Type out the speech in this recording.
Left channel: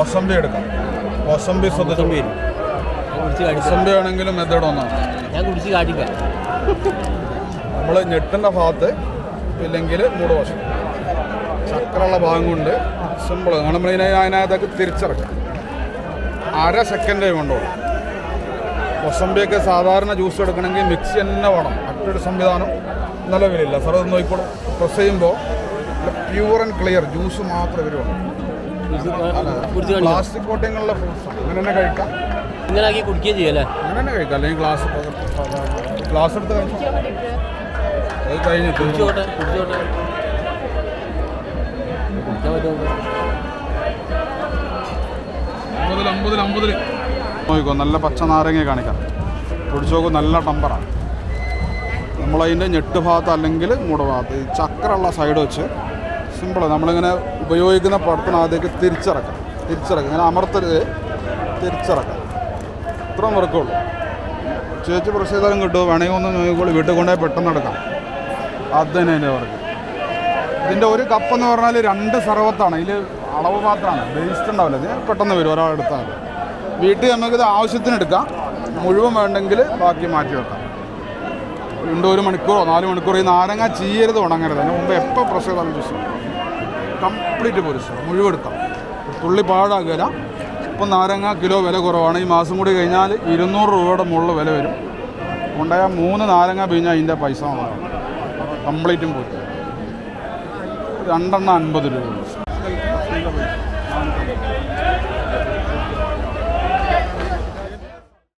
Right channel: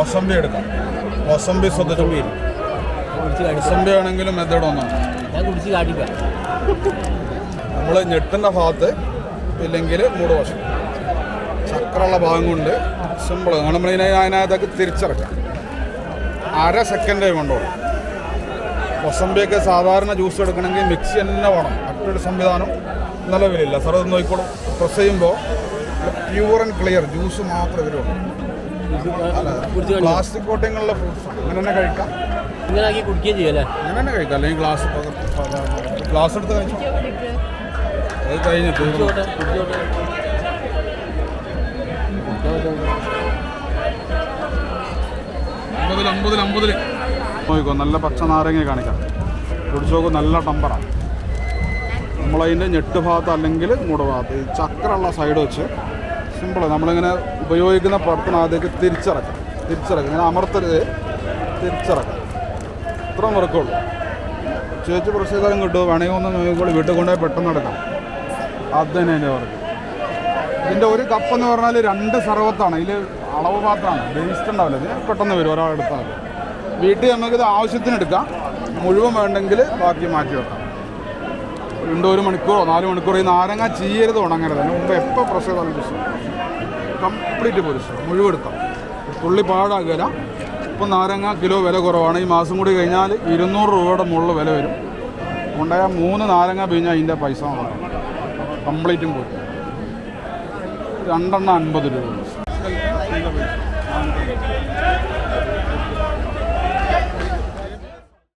മൊസംബി എടുക്കാം. മൊസംബി ശ്രദ്ധിച്ചു. മൊസംബി ആണെങ്കിലും മെത്തേഡ് ഒന്നാണ്. ഞാൻ കുടിച്ച് കാട്ടിക്കാം. നമ്മൾ ഞെട്ടുന്ന ഭാഗത്ത് ഇല്ലെങ്കിൽ മൂട് വശം ചക്രമുള്ള ഭാഗം കൊണ്ട് സിമ്പിൾ നമ്മൾ അതിനകത്തേക്ക് തിരിച്ചിറക്കാം. 1/2 സെക്കൻഡേ കൊണ്ടുപോകും. മൊസംബിയൊക്കെ സാധാരണ ജ്യൂസ് എടുക്കണമെങ്കിൽ മിക്സി തന്നെ വേണം. മറ്റൊരു സംവിധാനം നിലവിലില്ല. സാർ അത് നോക്കിക്കോളും. പ്രസ് ചെയ്യുമ്പോൾ പ്യൂർ ആൻഡ് ക്ലിയർ ജ്യൂസ് മാത്രമേ വരുള്ളൂ. പ്ലാസ്റ്റിക് കോട്ടിങ്ങുള്ള ഫ്രൂട്ട്സ് അങ്ങനെ തന്നെ കഴിക്കാം. ഇങ്ങനെ ആക്കി കുടിക്കുകയും ചെയ്യല്ലേ? അങ്ങനെ തന്നെ കഴിക്കാം. അല്ലെങ്കിൽ ഗ്ലാസ് എടുത്ത് കഴിക്കാം. അത് കഴിഞ്ഞിട്ട് 50 നോക്കിക്കോ. നല്ല പച്ച നാരങ്ങ കാണിക്കാം. കുടിച്ചു നോക്കും. നല്ല ടമ്പറാണ്. നമ്മളതിൻ്റെ ഞെട്ട് ഭാഗത്ത് അല്ലെങ്കിൽ മൂട് ഭാഗത്ത് ഈ ചക്രമുള്ള സൈഡ് വെച്ച് സിമ്പിൾ നമ്മളിങ്ങനെ ഉപയോഗിക്കുന്ന പുറത്തിനകത്തേക്ക് തിരിച്ചിറക്കാം. ഇങ്ങനെ അമർത്തരുത്, തിരിച്ചിറക്കാം. ഇത്രയും വർക്കുള്ളൂ. ചേച്ചി പ്രസ് ചെയ്താലും കിട്ടും. വേണമെങ്കിൽ ഒന്ന് നോക്കിക്കോളൂ. വീട്ടിൽ കൊണ്ടുപോയി പെട്ടെന്ന് എടുക്കാം. അത് തന്നെ അതിൻ്റെ വർക്ക്. ഇതിൻ്റെ ഒരു കപ്പെന്ന് പറഞ്ഞാൽ 2 സർവത്താണ്. ഇതിൽ അളവ് മാത്രമാണ്. വേസ്റ്റ് ഉണ്ടാവില്ല. ഇത് പെട്ടെന്ന് വരും ഒരാളെടുത്താൽ. വീട്ടിൽ നമുക്കിത് ആവശ്യത്തിന് എടുക്കാം. മുഴുവൻ വേണ്ടെങ്കിൽ ബാക്കി മാറ്റി വെക്കാം. 1 മണിക്കൂറോ 4 മണിക്കൂറോ. ഈ നാരങ്ങ ചീയരുത്, ഉണങ്ങരുത്. അതിന് മുമ്പ് എപ്പോൾ പ്രസ് ചെയ്താലും പ്രശ്നം കംപ്ലീറ്റ് പൊരിച്ചു മുഴുവൻ എടുക്കാം. പുള്ളി പാടാകില്ല. ഇപ്പം നാരങ്ങ കിലോ വില കുറവാണ്. ഈ മാസം കൂടി കഴിഞ്ഞാൽ 200 രൂപയുടെ മുകളിൽ വില വരും. ഉണ്ടായ 3 നാരങ്ങ പിഴിഞ്ഞാൽ അതിൻ്റെ പൈസ കംപ്ലീറ്റും പോയി. 2 50 രൂപ.